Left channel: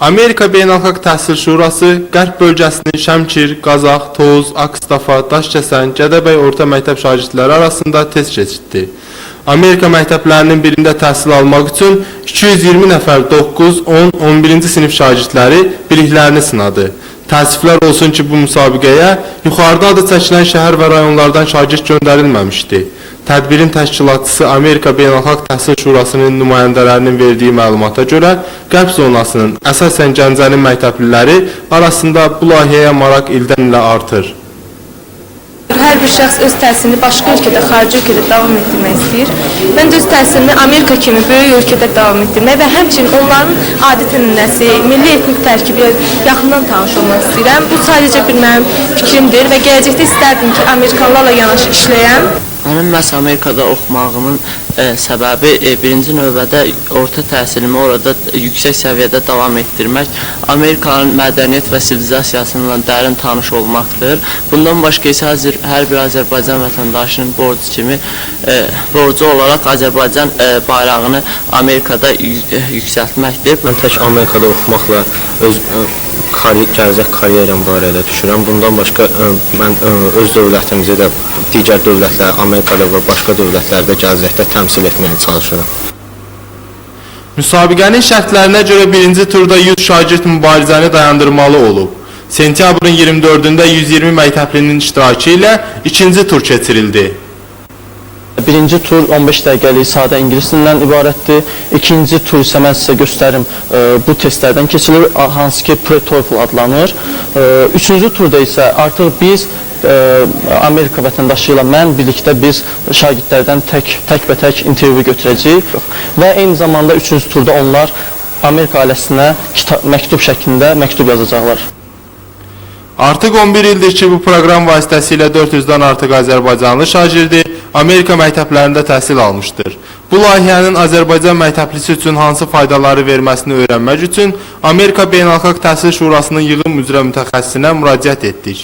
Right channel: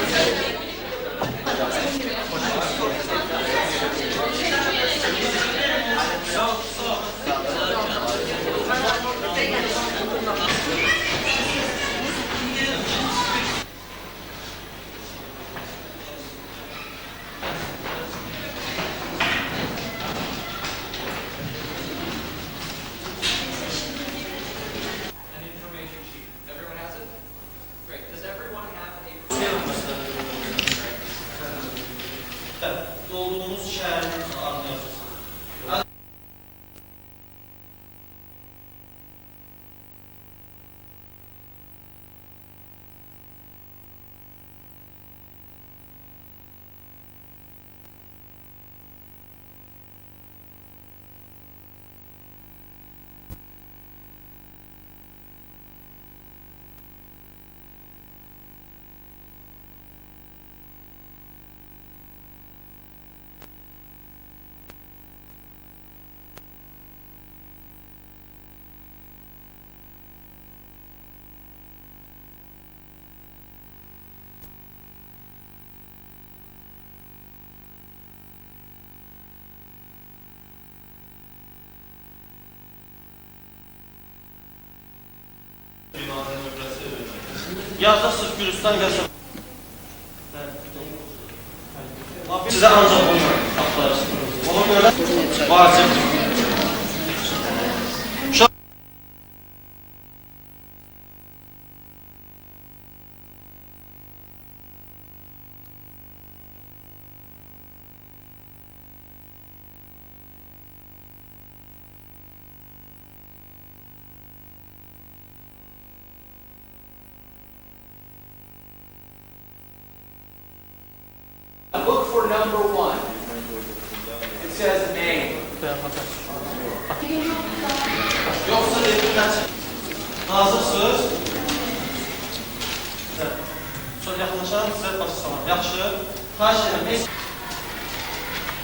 Amerika Beynəlxalq Təhsil Şurası Qərb bölgəsinin Şəmkir, Qazax, Toz, Akstafa, Daşkəsən, Gədəbəy orta məktəb şagirdləri arasında test keçirtdi. Amerika məktəblərinin birində təhsil almaq üçün 220 nəfər 9, 10, 11-ci sinif şagirdləri biliklərini sınadı. Təəssüflər olsun ki, bu müsabiqəyə yuxarıda adı çəkilən şəhər və rayonlardan şagird göndərilməmişdi. Tədbirin təşkilatçısı Amerika Beynəlxalq Təhsil Şurasının nümayəndələrinin verdiyi məlumata görə Qərb zonasının əsasən Gəncəli məktəbliləri arasında bu layihəyə maraq ildən-ilə artır. Hər bir şəxs öz təhsilini başqa ölkədə, xarici ölkədə davam etdirmək istəyir. Mən də öz təhsilimi Amerika kimi böyük ölkədə davam etdirmək və həmçinin onların adət-ənənəsi, milli etnik tərkibi ilə yaxından tanış olmaq istəyirəm. Bu sadəcə bir mənim fikrimdir və gələcəkdə istərdim ki, Amerikalılarla yanaşı işləyəm. Mənim məhz Amerikada oxumağımın səbəbi birinci növbədə orta təhsilimi orada yüksək səviyyədə davam etdirmək, Amerikanın mədəniyyət və sivilizasiyasıyla dərin tanış olmaqdır. Bundan başqa isə hər bir Azərbaycan vətəndaşının borcu olaraq Azərbaycan bayrağını Amerikada yüksəltməkdir. Mən tək Amerikada oxumaqla gələcək karyeram barədə düşünürəm. Bundan başqa mən öz dövlətimizi də digər dövlətlər, Amerikada və başqa dövlətlərdə gələcəkdə təmsil etməyə çalışıram. Müsabiqənin şərtlərinə görə birinci turda 100 şagird mübarizəni dayandırmalı olub. Sentyabrın 24-də 120 məktəblinin iştirakı ilə ikinci tur keçirildi. Birinci tur 15 dəqiqəlik sadə ingilis dilindən ibarətdir. İkinci tur isə mən sizə göstərim bu testlərdən keçilir, hansı ki pre-TOEFL adlanır. Üçüncü turda isə artıq biz Amerika vətəndaşı ilə mən birlikdə biz şagirdlərdən tək intervyu götürəcəyik və eyni zamanda üçüncü turda onlar Amerika ailəsinə məktub şəklində məktub yazacaqlar. Artıq 11 ildir ki, bu proqram vasitəsilə 400-dən artıq Azərbaycanlı şagirdi Amerika məktəblərində təhsil almışdır. Bu layihənin Azərbaycan məktəblisi üçün hansı faydaları verməsini öyrənmək üçün Amerika Beynəlxalq Təhsil Şurasının yığım üzrə mütəxəssisinə müraciət etdik.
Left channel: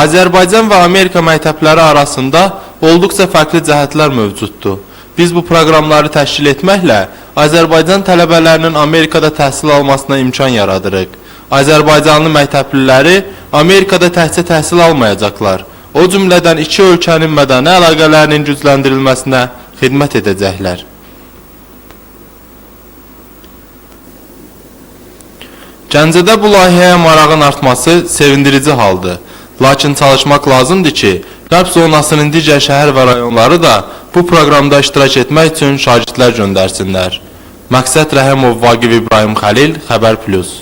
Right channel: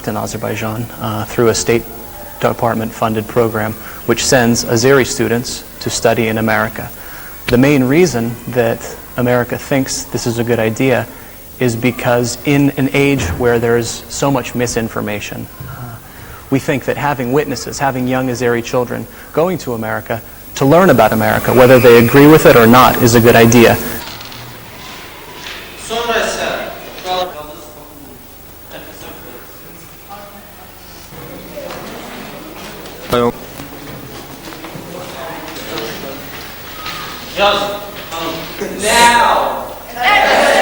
Azərbaycan və Amerika məktəbləri arasında olduqca fərqli cəhətlər mövcuddur. Biz bu proqramları təşkil etməklə Azərbaycan tələbələrinin Amerikada təhsil almasına imkan yaradırıq. Azərbaycanlı məktəbliləri Amerikada təhsil almayacaqlar. O cümlədən iki ölkənin mədəni əlaqələrinin gücləndirilməsinə xidmət edəcəklər. Gəncədə bu layihəyə marağın artması sevindirici haldır. Lakin çalışmaq lazımdır ki, Qərb zonasının digər şəhər və rayonları da bu proqramda iştirak etmək üçün şagirdlər göndərsinlər. Məqsəd Rəhimov, Vaqif İbrahim Xəlil, Xəbər Plus.